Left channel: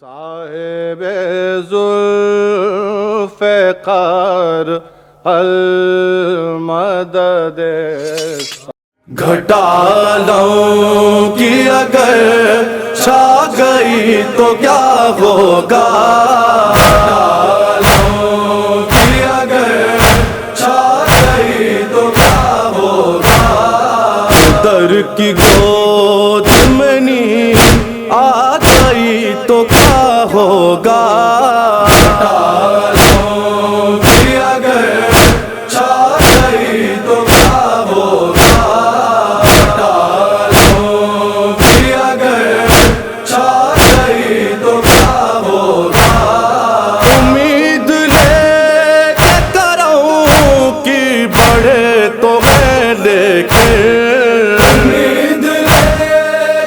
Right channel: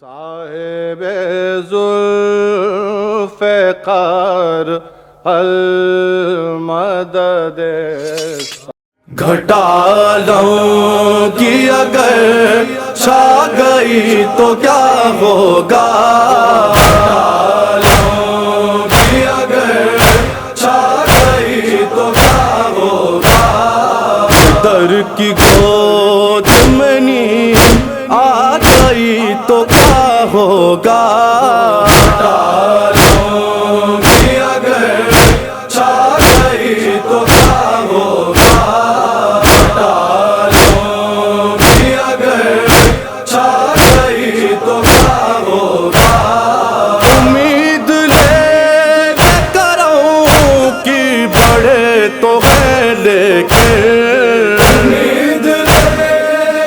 صاحب ذوالفقار المدد گھٹالوں کی اگر چھا گئی تو کیا ہوگا، گھٹالوں کی اگر چھا گئی تو کیا ہوگا، در کی گود میں نیند آ گئی تو کیا ہوگا، گھٹالوں کی اگر چھا گئی تو کیا ہوگا، تو ہے لیکن امید لے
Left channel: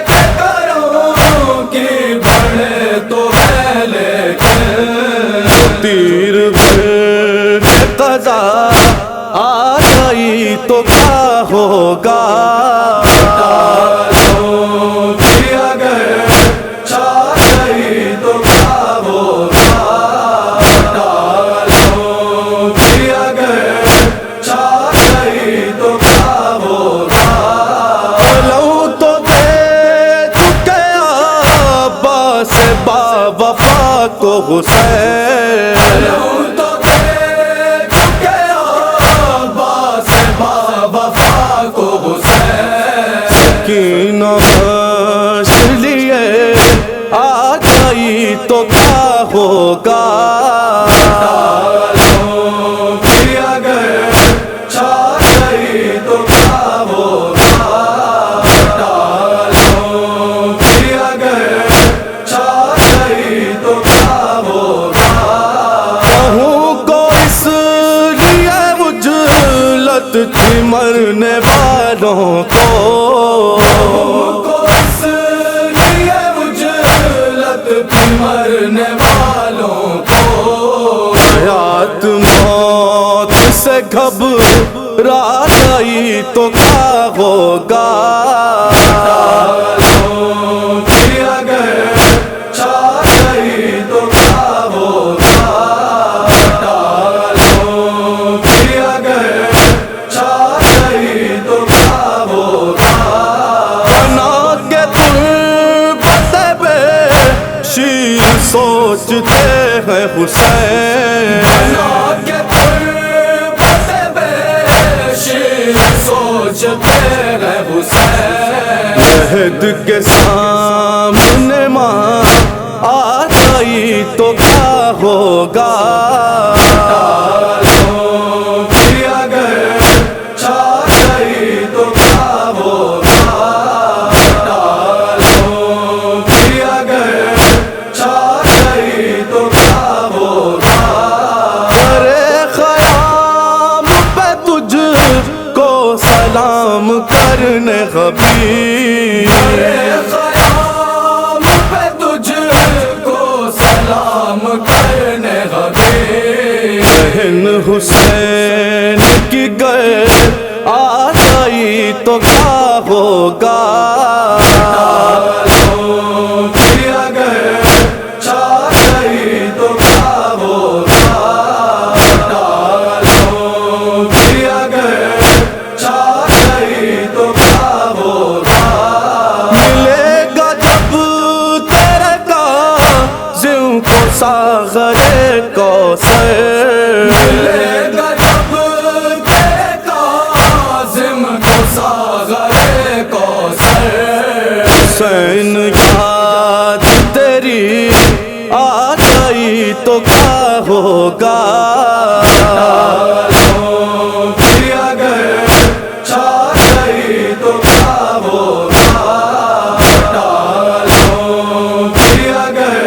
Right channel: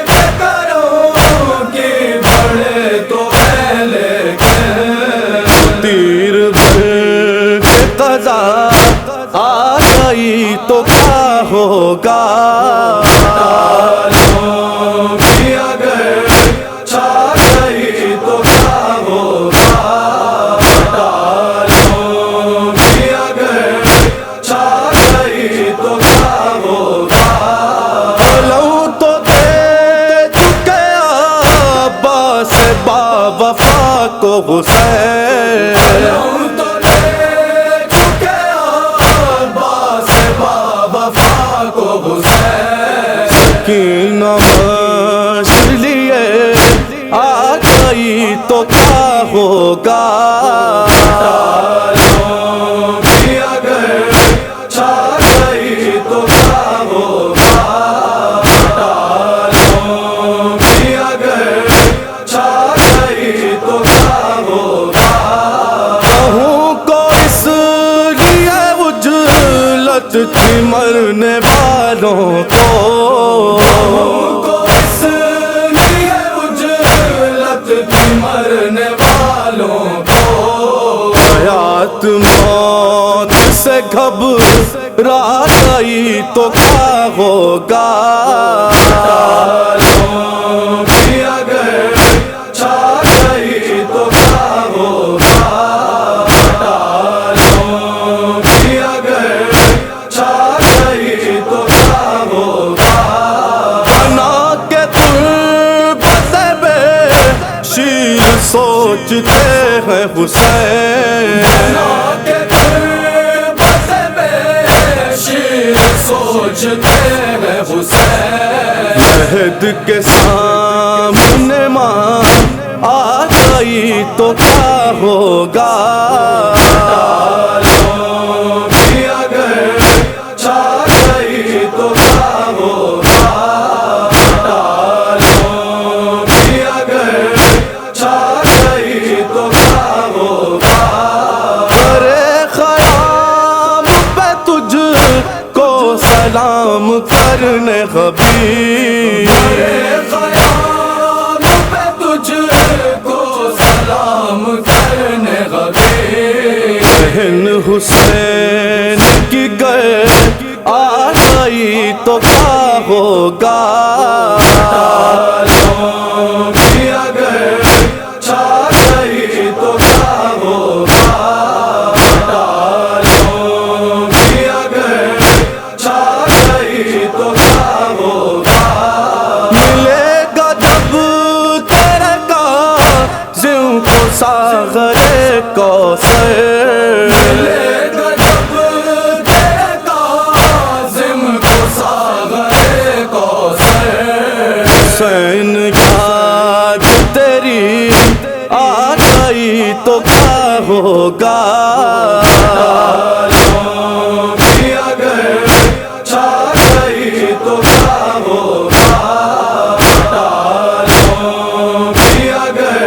کے کروں کہ بڑھے تو ہے لیکن تیر بھر کے قضا آ گئی تو کیا ہوگا، گھٹالوں کی اگر چھا گئی تو کیا ہوگا، گھٹالوں کی اگر چھا گئی تو کیا ہوگا، لوں تو دے چکے عباس با وفا کو حسین، لوں تو دے چکے عباس با وفا کو حسین، سکینہ مشق لیے آ گئی تو کیا ہوگا، گھٹالوں کی اگر چھا گئی تو کیا ہوگا، گھٹالوں کی اگر چھا گئی تو کیا ہوگا، کہوں کو اس لیے اجلت تھی مرنے والوں کو، کہوں کو اس لیے اجلت تھی مرنے والوں کو، حیات موت سے گھبرا گئی تو کیا ہوگا، گھٹالوں کی اگر چھا گئی تو کیا ہوگا، گھٹالوں کی اگر چھا گئی تو کیا ہوگا، بنا کے تربت بے شیر سوچتے ہیں حسین، بنا کے تربت بے شیر سوچتے ہیں حسین، لحد کے سامنے ماں آ گئی تو کیا ہوگا، گھٹالوں کی اگر چھا گئی تو کیا ہوگا، گھٹالوں کی اگر چھا گئی تو کیا ہوگا، برے خیام پہ تجھ کو سلام کرنے حبیب، برے خیام پہ تجھ کو سلام کرنے حبیب، بہن حسین کی گئے آ گئی تو کیا ہوگا، گھٹالوں کی اگر چھا گئی تو کیا ہوگا، گھٹالوں کی اگر چھا گئی تو کیا ہوگا، ملے گا جب تیرے کاظم کو ساغر کوثر، ملے گا جب تیرے کاظم کو ساغر کوثر، حسین یاد تیری آ گئی تو کیا ہوگا، گھٹالوں کی اگر چھا گئی تو کیا ہوگا، گھٹالوں کی اگر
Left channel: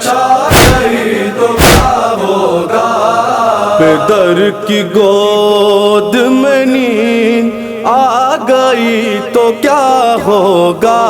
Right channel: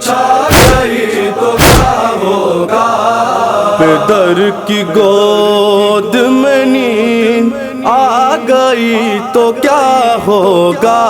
چھا گئی تو کیا ہوگا، پدر کی گود میں نیند آ گئی تو کیا ہوگا۔